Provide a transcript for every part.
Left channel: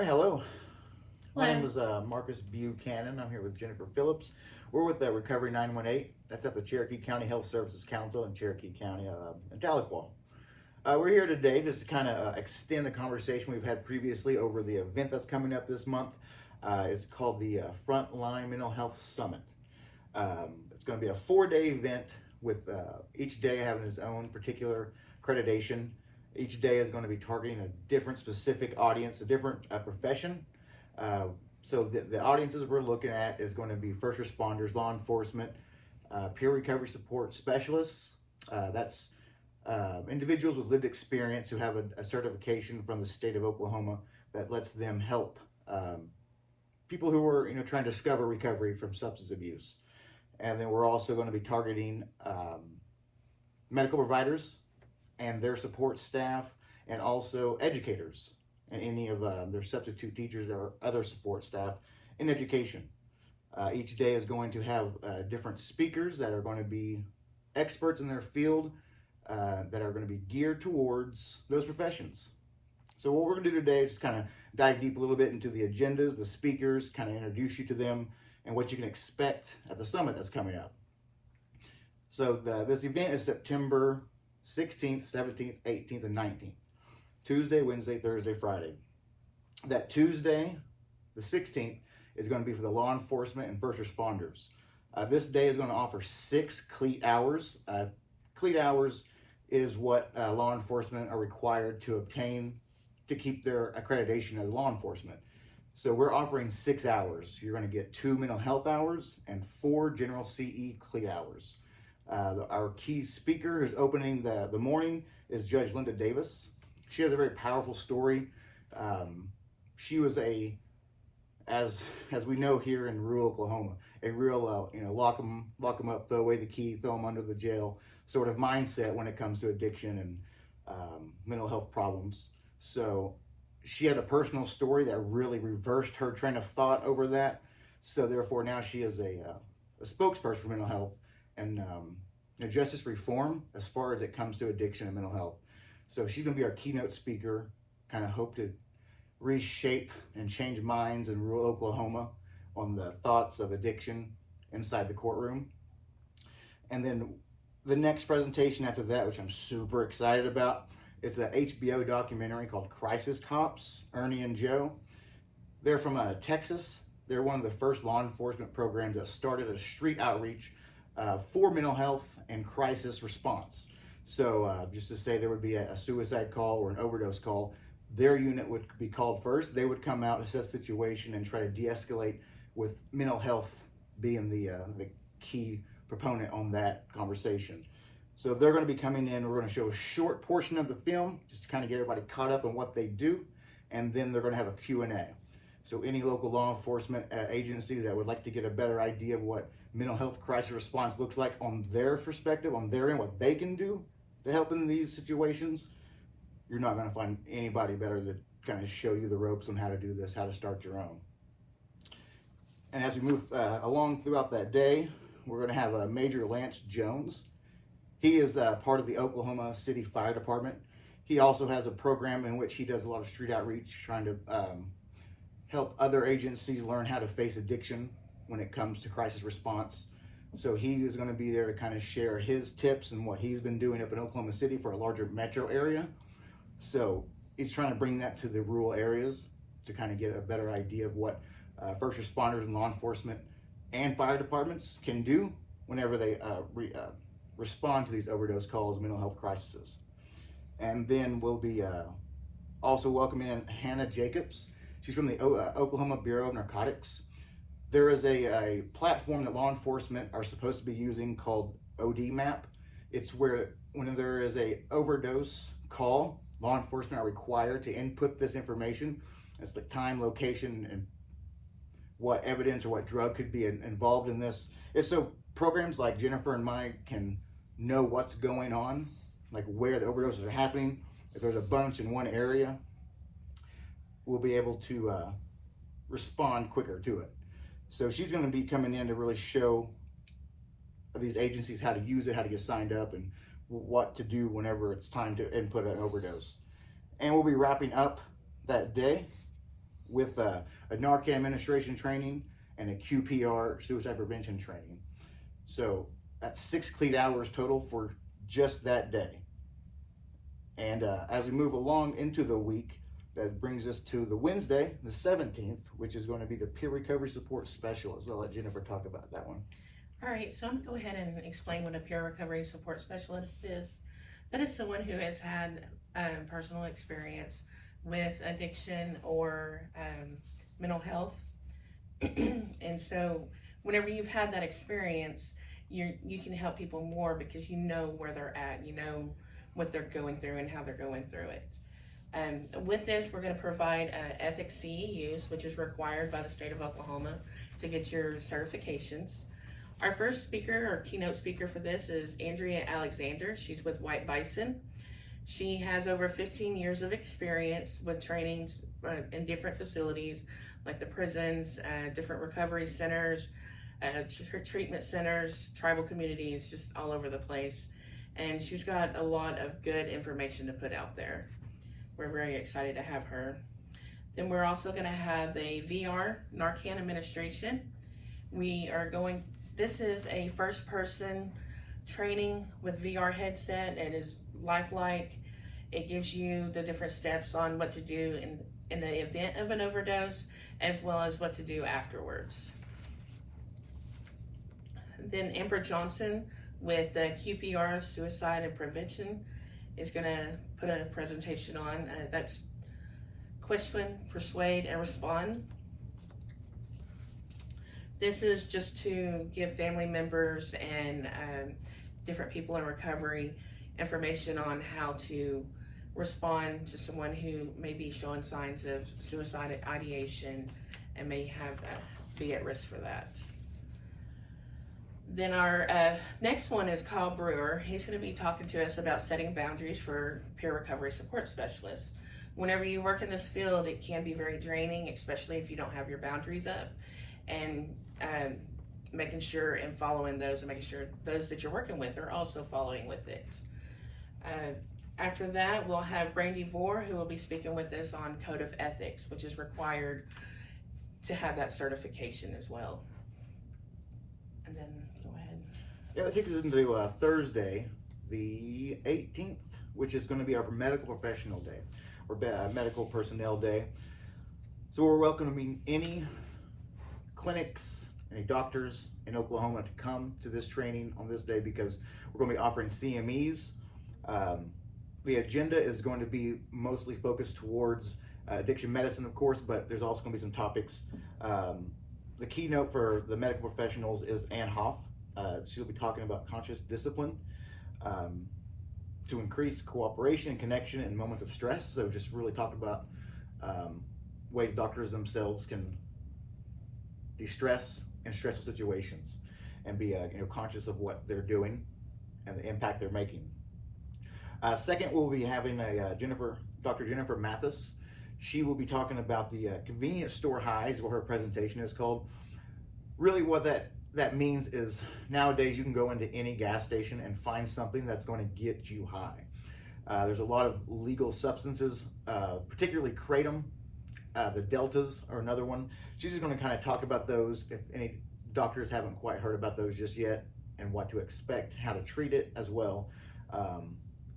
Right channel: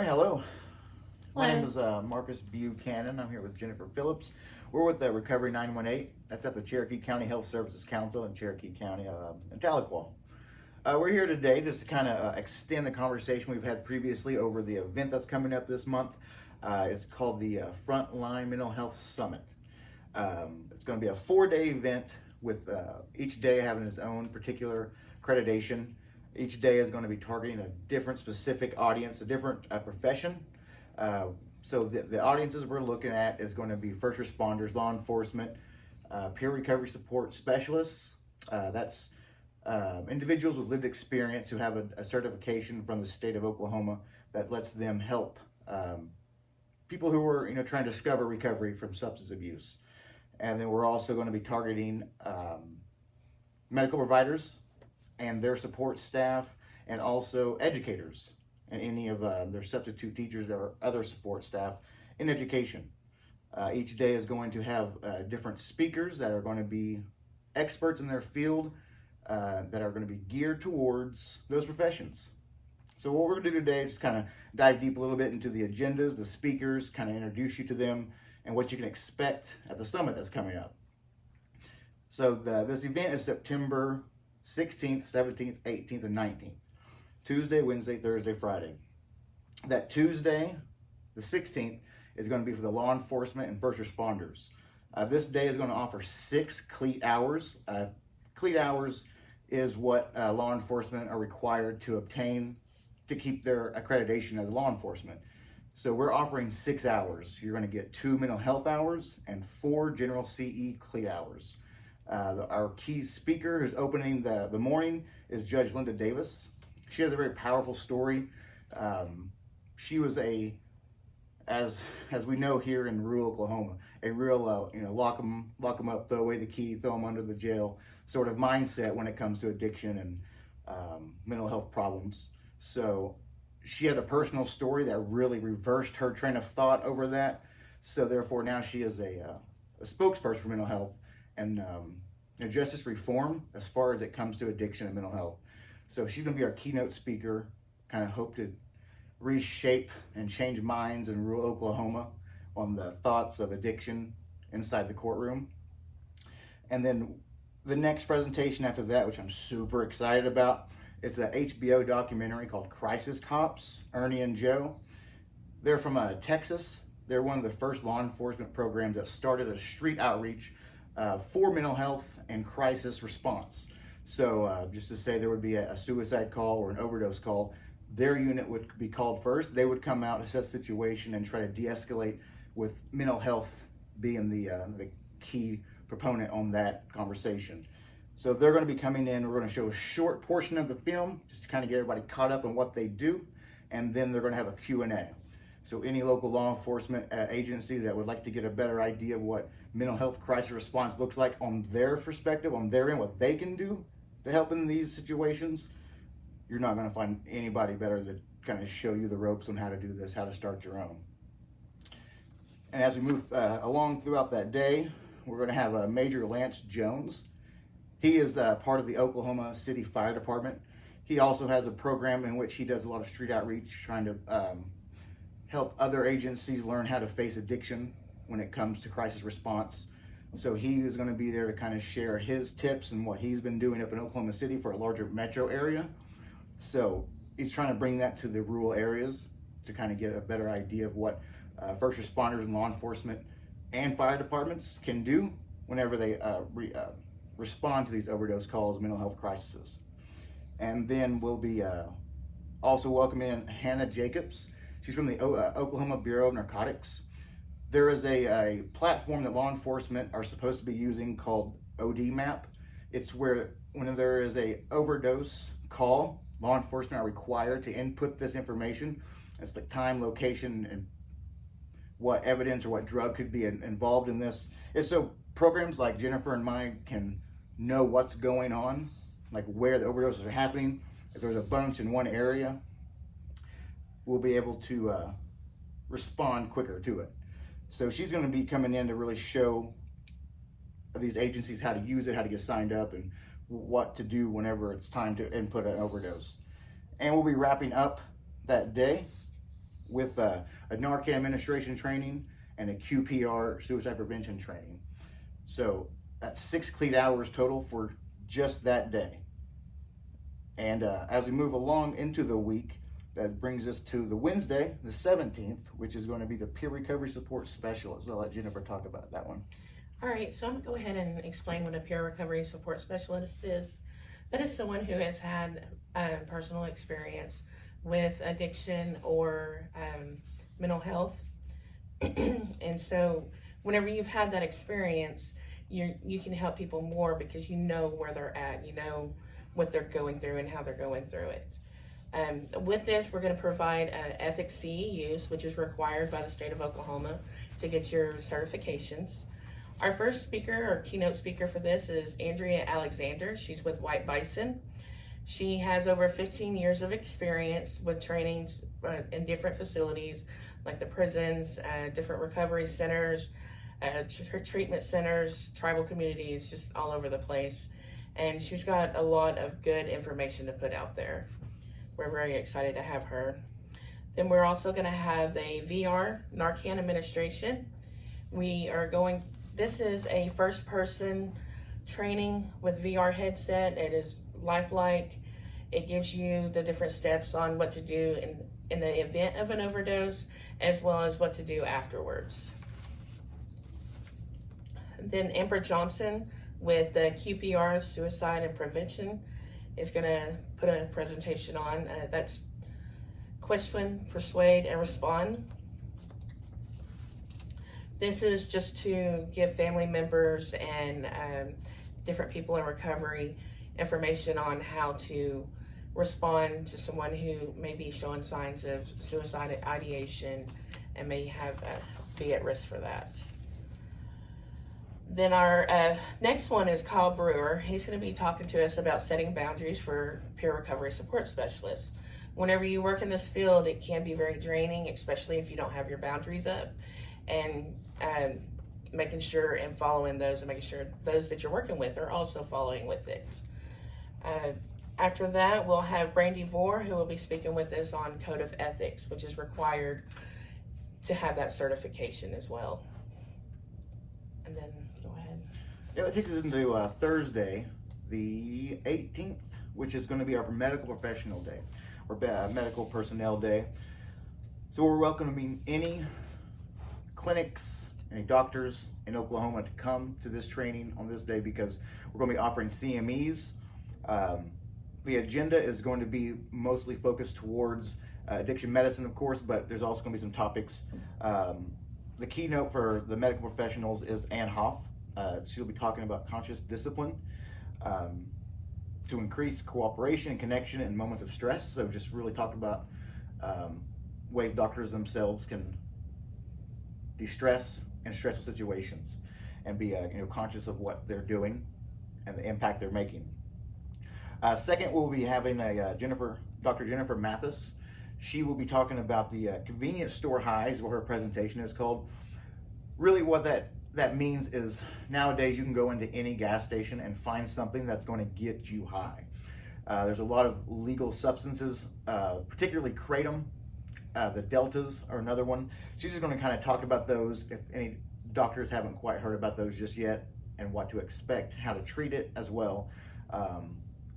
right, hello. My Hello. name is Marcus Buchanan. I'm here with Jennifer Phillips. We're with Recovery 918. That's at the Cherokee County Health Services Council in Cherokee County in Tahlequah. We're here today just to kind of extend the conversation we've had previously over the event that's coming up this month. It's called the Frontline Mental Health Summit. It's going to be a 4-day event with each day having its own particular accreditation. Each day is going to be targeting a different specific audience, a different profession. So the audiences we're looking at is going to be first responders, law enforcement, peer recovery support specialists. That's individuals with lived experience who have a certification from the state of Oklahoma that lets them help people who are trying to discover recovery from substance abuse. And then we're also going to be targeting medical providers and their support staff, and also educators and any of their substitute teachers or other support staff in education. Each day is going to have different speakers that are going to be experts in their field that are going to be geared towards those professions. So what we're going to do today is just kind of dive deep a little bit into the agendas, the speakers, kind of introduce you to them, and what you can expect at the summit that's coming up. So this event is September 16th, 17th, 18th, and 19th. Tuesday, Wednesday, Thursday, Friday. That Tuesday, the 16th, is going to be for the law enforcement and first responders. This day is going to offer 6 CLEAT hours. CLEAT hours is what law enforcement are required to obtain to keep their accreditation as law enforcement. So we're offering 6 hours. You're going to get 2 mental health hours and 4 general CE CLEAT hours. Our key speaker who's opening the morning is Judge Linda Davis. She has a very powerful story. She was as we know here in rural Oklahoma, a real lock them up, throw away the key, throw them under the jail sort of mindset when it comes to addiction and mental health problems. So she had a personal story that really reversed her train of thought over that. So therefore now she is a spokesperson for mental health and justice reform as far as it comes to addiction and mental health. So she's going to be our keynote speaker, kind of hope to reshape and change minds in rural Oklahoma on the thoughts of addiction inside the courtroom. And then the next presentation after that, which I'm super excited about, is an HBO documentary called Crisis Cops, Ernie and Joe. They're from Texas. They're one of the first law enforcement programs that started a street outreach for mental health and crisis response. So just to say there would be a suicide call or an overdose call, their unit would be called first. They would come out, assess the situation, and try to de-escalate, with mental health being the key proponent on that conversation. So they're going to be coming in. We're going to show a short portion of the film just to kind of get everybody caught up on what they do, and then they're going to have a Q&A. So any local law enforcement agencies that would like to get a better idea of what mental health crisis response looks like on their perspective, on their end, what they can do to help in these situations, you're not going to find anybody better to kind of show you the ropes on how to do this, how to start your own. And as we move along throughout that day, we're going to have Major Lance Jones. He is part of the Oklahoma City Fire Department. He also has a program in which he does a lot of street outreach, trying to help other agencies learn how to face addiction when it comes to crisis response. So he is going to be there to kind of share his tips and what he's been doing up in Oklahoma City for a larger metro area. So he's trying to bring that to the rural areas to kind of get a better idea of what first responders and law enforcement and fire departments can do whenever they respond to these overdose calls, mental health crises. And then we'll be also welcoming Hannah Jacobs. She's from the Oklahoma Bureau of Narcotics. There is a platform that law enforcement are supposed to be using called OD Map. It's where when there is a overdose call, law enforcement are required to input this information. It's like time, location, and what evidence or what drug could be involved in this. It's so programs like Jennifer and mine can know what's going on, like where the overdoses are happening. If there's a bunch in one area, we'll be able to respond quicker to it. So she's going to be coming in to really show these agencies how to use it, how to get signed up, and what to do whenever it's time to input an overdose. And we'll be wrapping up that day with a Narcan administration training and a QPR suicide prevention training. So that's 6 cleat hours total for just that day. And as we move along into the week, that brings us to the Wednesday, the 17th, which is going to be the peer recovery support specialist. I'll let Jennifer talk about that one. All right, so I'm going to go ahead and explain what a peer recovery support specialist is. That is someone who has had personal experience with addiction or mental health. And so whenever you've had that experience, you can help people more because you know where they're at, you know what they're going through and how they're going through it. With this, we're going to provide ethics CEUs, which is required by the state of Oklahoma to get your certifications. Our first speaker or keynote speaker for this is Andrea Alexander. She's with White Bison. She has over 15 years of experience with trainings in different facilities like the prisons, different recovery centers, treatment centers, tribal communities, just all over the place. And she's got a lot of good information to put out there. We're very excited to have her. Then we're also going to have a VR Narcan administration. This is a first person training with VR headset. It is lifelike. It gives you the different steps on what to do in the event of an overdose, as well as what to do afterwards. Then Amber Johnson with the QPR Suicide and Prevention is going to put a presentation on. That's question, persuade, and respond. This is just to give family members and different people in recovery information on how to respond to someone who may be showing signs of suicide ideation and may be at risk for that. Then our next one is Kyle Brewer. He's going to be talking to us about setting boundaries for peer recovery support specialists. Whenever you work in this field, it can be very draining, especially if you don't have your boundaries up, and making sure and following those and making sure those that you're working with are also following with it. After that, we'll have Brandy Vore, who will be speaking with us on Code of Ethics, which is required to have that certification as well. And then go ahead. Yeah, that takes us into Thursday, the 18th, which is going to be our medical professional day, or medical personnel day. So we're welcoming any clinics, any doctors in Oklahoma to come to this training on this day because we're going to be offering CMEs. The agenda is going to be mostly focused towards addiction medicine, of course, but there's also going to be some topics. The keynote for the medical professionals is Ann Hoff. She'll be talking about conscious discipline to increase cooperation and connection in moments of stress. So just really talk about ways doctors themselves can de-stress in stressful situations and be conscious of what they're doing and the impact they're making. Second, we'll be having Dr. Jennifer Mathis. She will be talking about the convenience store highs, what her presentation is called. Really what that means is nowadays you can go into any gas station and find something that's going to get you high. There's a lot of legal substances, particularly kratom. The deltas are another one. She's just going to kind of talk about those if any doctors haven't quite heard about those just yet, and what to expect, how to treat it as well.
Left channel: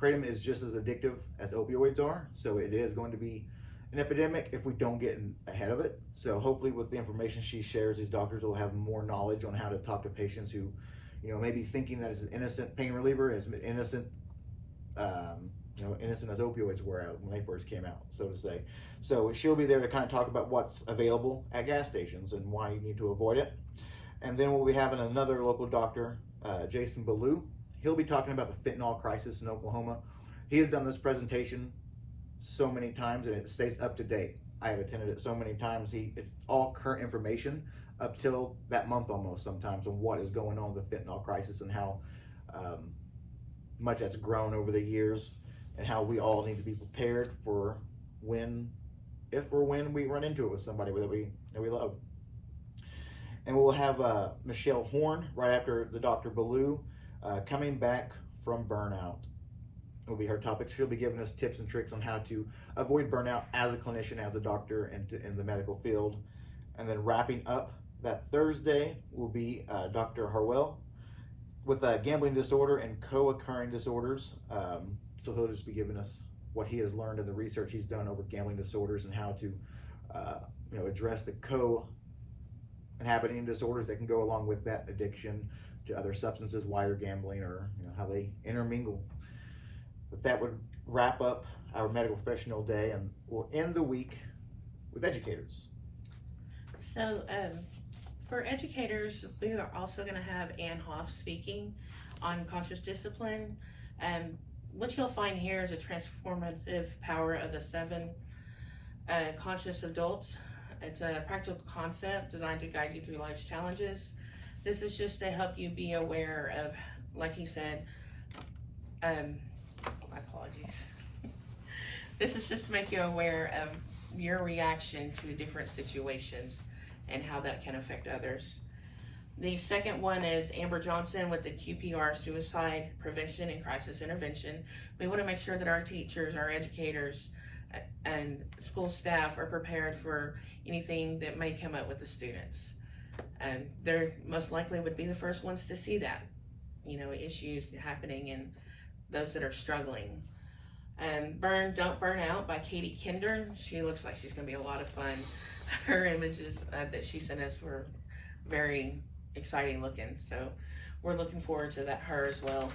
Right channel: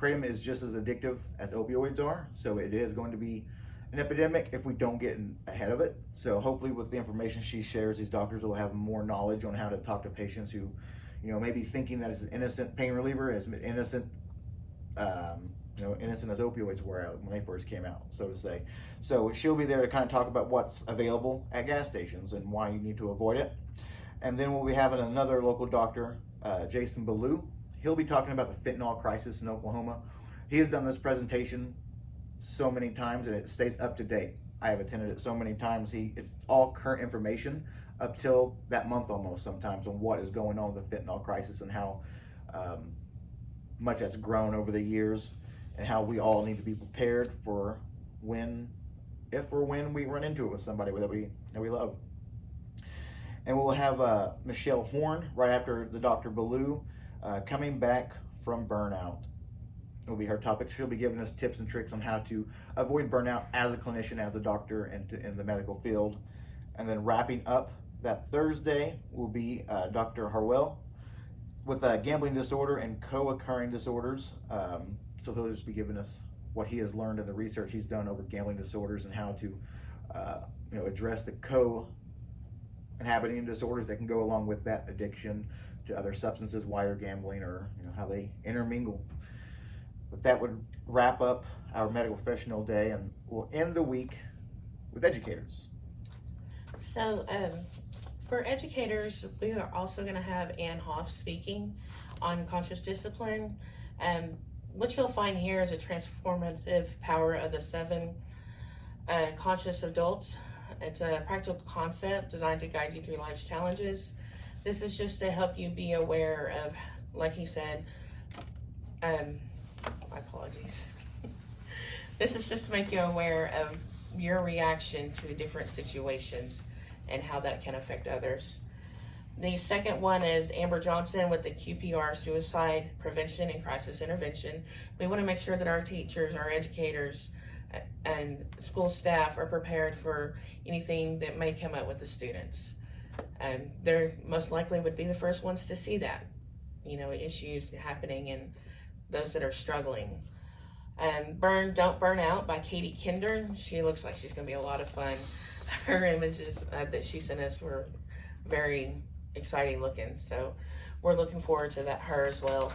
Kratom is just as addictive as opioids are, so it is going to be an epidemic if we don't get ahead of it. So hopefully with the information she shares, these doctors will have more knowledge on how to talk to patients who, may be thinking that it's an innocent pain reliever, as innocent, innocent as opioids were when they first came out, so to say. So she'll be there to kind of talk about what's available at gas stations and why you need to avoid it. And then we'll be having another local doctor, Jason Ballou. He'll be talking about the fentanyl crisis in Oklahoma. He has done this presentation so many times and it stays up to date. I have attended it so many times. It's all current information up till that month almost sometimes on what is going on with the fentanyl crisis and how much that's grown over the years and how we all need to be prepared for if or when we run into it with somebody that we love. And we'll have Michelle Horn right after the Dr. Ballou coming back from burnout. will be her topic. She'll be giving us tips and tricks on how to avoid burnout as a clinician, as a doctor, and in the medical field. And then wrapping up that Thursday will be Dr. Harwell with gambling disorder and co-occurring disorders. So he'll just be giving us what he has learned in the research he's done over gambling disorders and how to address the co-inhabiting disorders that can go along with that addiction to other substances, why they're gambling, or how they intermingle. But that would wrap up our medical professional day, and we'll end the week with educators. So for educators, we are also going to have Ann Hoff speaking on conscious discipline. What you'll find here is a transformative power of the 7 conscious adults. It's a practical concept designed to guide you through life's challenges. This is just to help you be aware of, like he said, my apologies. This is just to make you aware of your reaction to different situations and how that can affect others. The second one is Amber Johnson with the QPR Suicide Prevention and Crisis Intervention. We want to make sure that our teachers, our educators, and school staff are prepared for anything that may come up with the students. They're most likely would be the first ones to see that, issues happening and those that are struggling. Burn, Don't Burn Out by Katie Kinder. She looks like she's going to be a lot of fun. Her images that she sent us were very exciting looking, so we're looking forward to her as well.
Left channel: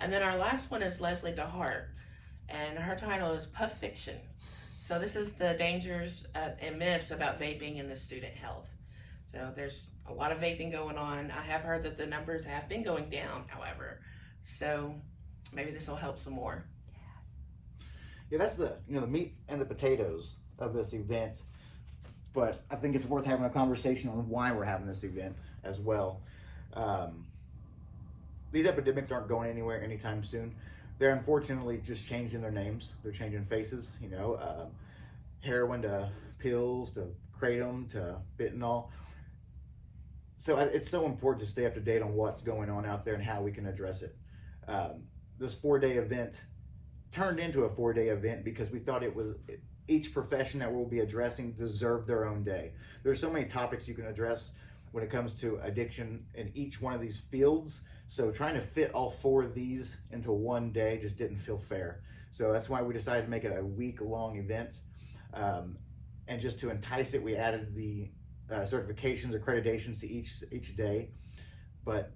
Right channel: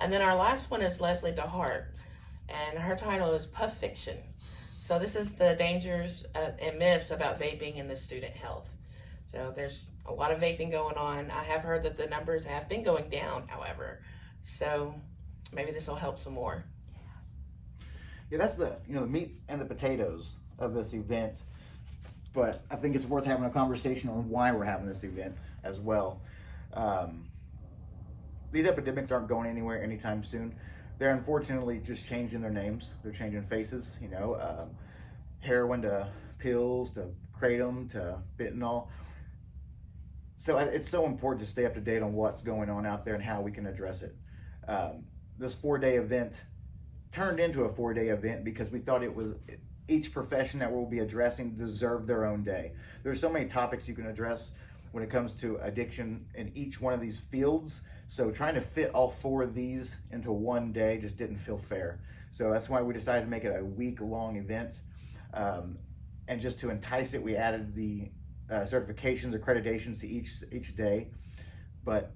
And then our last one is Leslie DeHart, and her title is Puff Fiction. So this is the dangers and myths about vaping and the student health. So there's a lot of vaping going on. I have heard that the numbers have been going down, however. So maybe this will help some more. Yeah, that's the the meat and the potatoes of this event. But I think it's worth having a conversation on why we're having this event as well. These epidemics aren't going anywhere anytime soon. They're unfortunately just changing their names. They're changing faces, heroin to pills to kratom to fentanyl. So it's so important to stay up to date on what's going on out there and how we can address it. This 4-day event turned into a 4-day event because we thought each profession that we'll be addressing deserved their own day. There's so many topics you can address when it comes to addiction in each one of these fields. So trying to fit all 4 of these into one day just didn't feel fair. So that's why we decided to make it a week-long event. And just to entice it, we added the certifications, accreditations to each day. But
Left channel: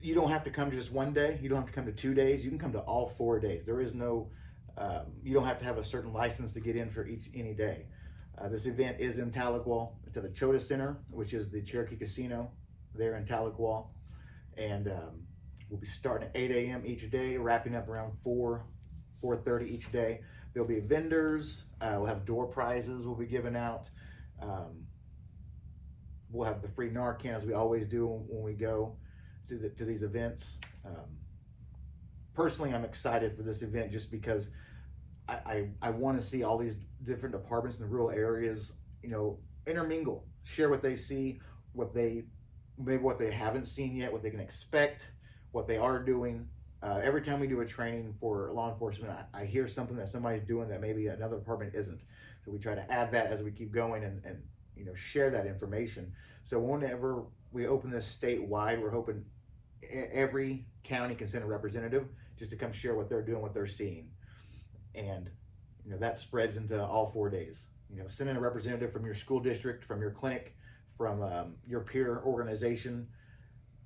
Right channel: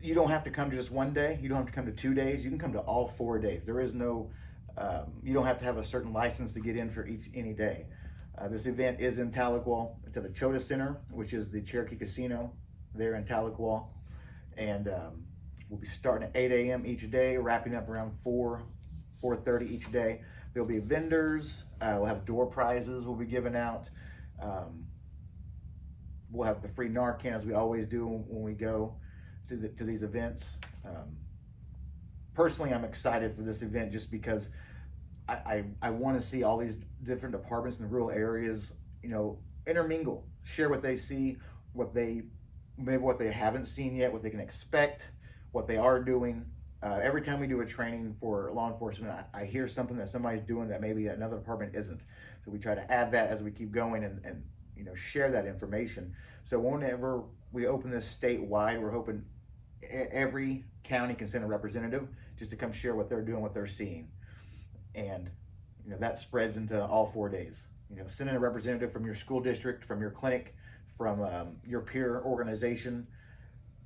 you don't have to come to just one day. You don't have to come to 2 days. You can come to all 4 days. There is no, you don't have to have a certain license to get in for any day. This event is in Tahlequah. It's at the Chota Center, which is the Cherokee Casino there in Tahlequah. And we'll be starting at 8 a.m. each day, wrapping up around 4:30 each day. There'll be vendors. We'll have door prizes we'll be giving out. We'll have the free Narcan, as we always do when we go to these events. Personally, I'm excited for this event just because I want to see all these different departments in the rural areas, intermingle, share what they see, maybe what they haven't seen yet, what they can expect, what they are doing. Every time we do a training for law enforcement, I hear something that somebody's doing that maybe another department isn't. So we try to add that as we keep going and share that information. So whenever we open this statewide, we're hoping every county can send a representative just to come share what they're doing, what they're seeing. And that spreads into all 4 days. Send in a representative from your school district, from your clinic, from your peer organization.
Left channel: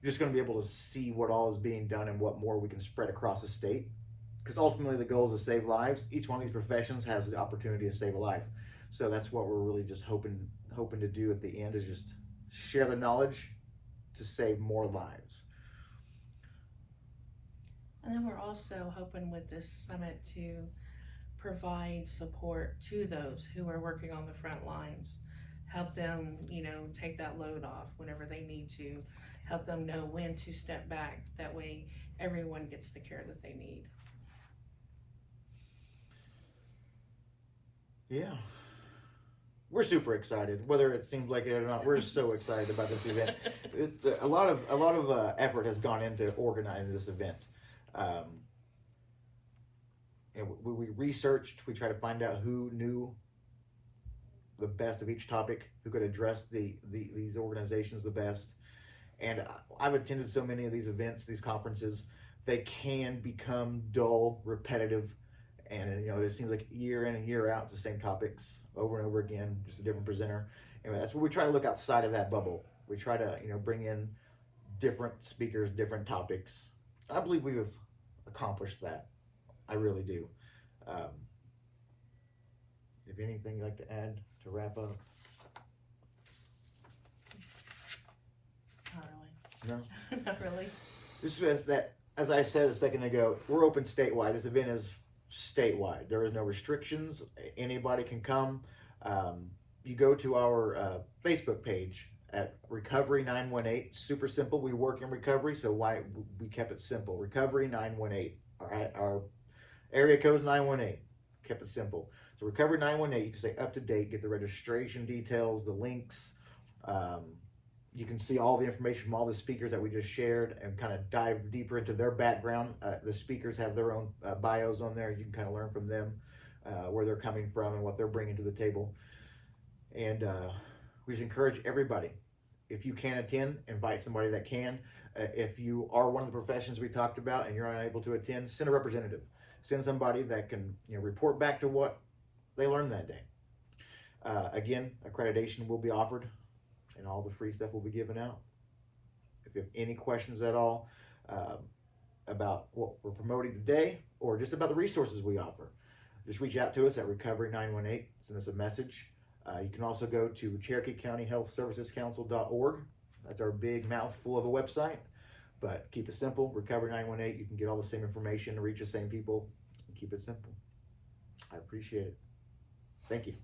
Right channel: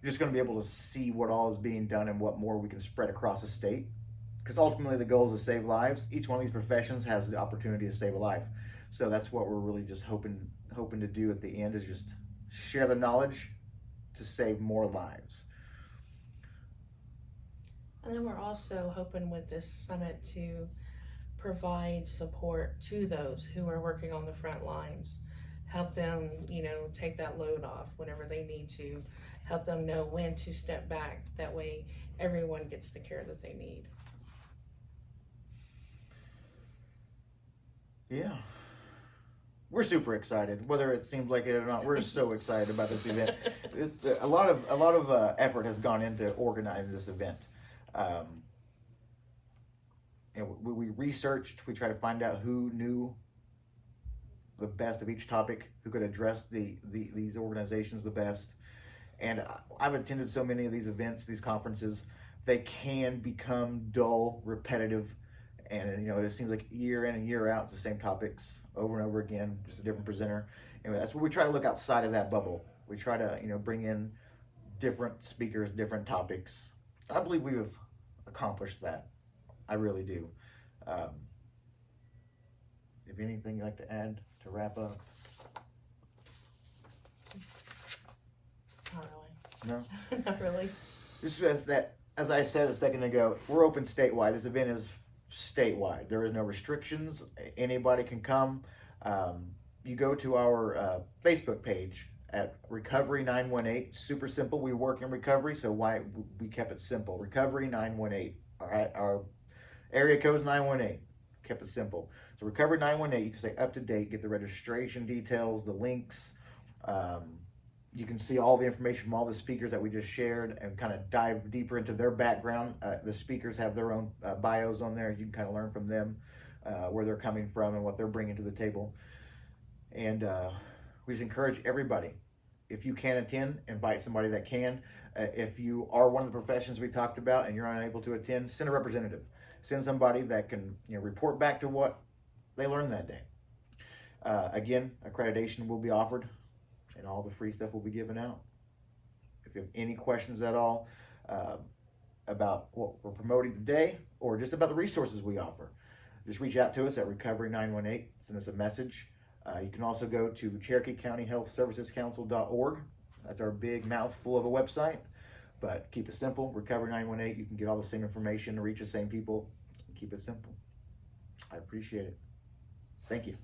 You're just going to be able to see what all is being done and what more we can spread across the state. Because ultimately the goal is to save lives. Each one of these professions has the opportunity to save a life. So that's what we're really just hoping to do at the end, is just share the knowledge to save more lives. And then we're also hoping with this summit to provide support to those who are working on the front lines. Help them, take that load off whenever they need to. Help them know when to step back. That way everyone gets the care that they need. Yeah. We're super excited, whether it seems like it or not. We're so excited about this event. A lot of effort has gone into organizing this event. and we researched, we tried to find out who knew the best of each topic, who could address these organizations the best. And I've attended so many of these events, these conferences, they can become dull, repetitive, and it seems like year in and year out, it's the same topics over and over again, just a different presenter. And that's what we try to look outside of that bubble. We try to bring in different speakers, different topics. I believe we have accomplished that. I really do. If anything you'd like to add to wrap up? Not really. No? Not really. This is that, as I said a second ago, we're open statewide. This event is statewide. There is no restrictions. Anybody can come. You go to our Facebook page at Recovery 918. Super simple. We work in recovery, so why we kept it simple. Recovery 918. All right, our area code is 918. Kept it simple. So Recovery 918. You can stay up to date, get the registration details, the links. You can see all the information from all the speakers that we just shared and kind of dive deeper into their background. The speakers have their own bios on there. You can kind of learn from them where they're coming from and what they're bringing to the table. And we just encourage everybody, if you can attend, invite somebody that can. If you are one of the professions we talked about and you're unable to attend, send a representative. Send somebody that can report back to what they learned that day. Again, accreditation will be offered and all the free stuff will be given out. If you have any questions at all about what we're promoting today or just about the resources we offer, just reach out to us at Recovery 918. Send us a message. You can also go to Cherokee County Health Services Council.org. That's our big mouthful of a website, but keep it simple. Recovery 918. You can get all the same information, reach the same people. Keep it simple. I appreciate it. Thank you.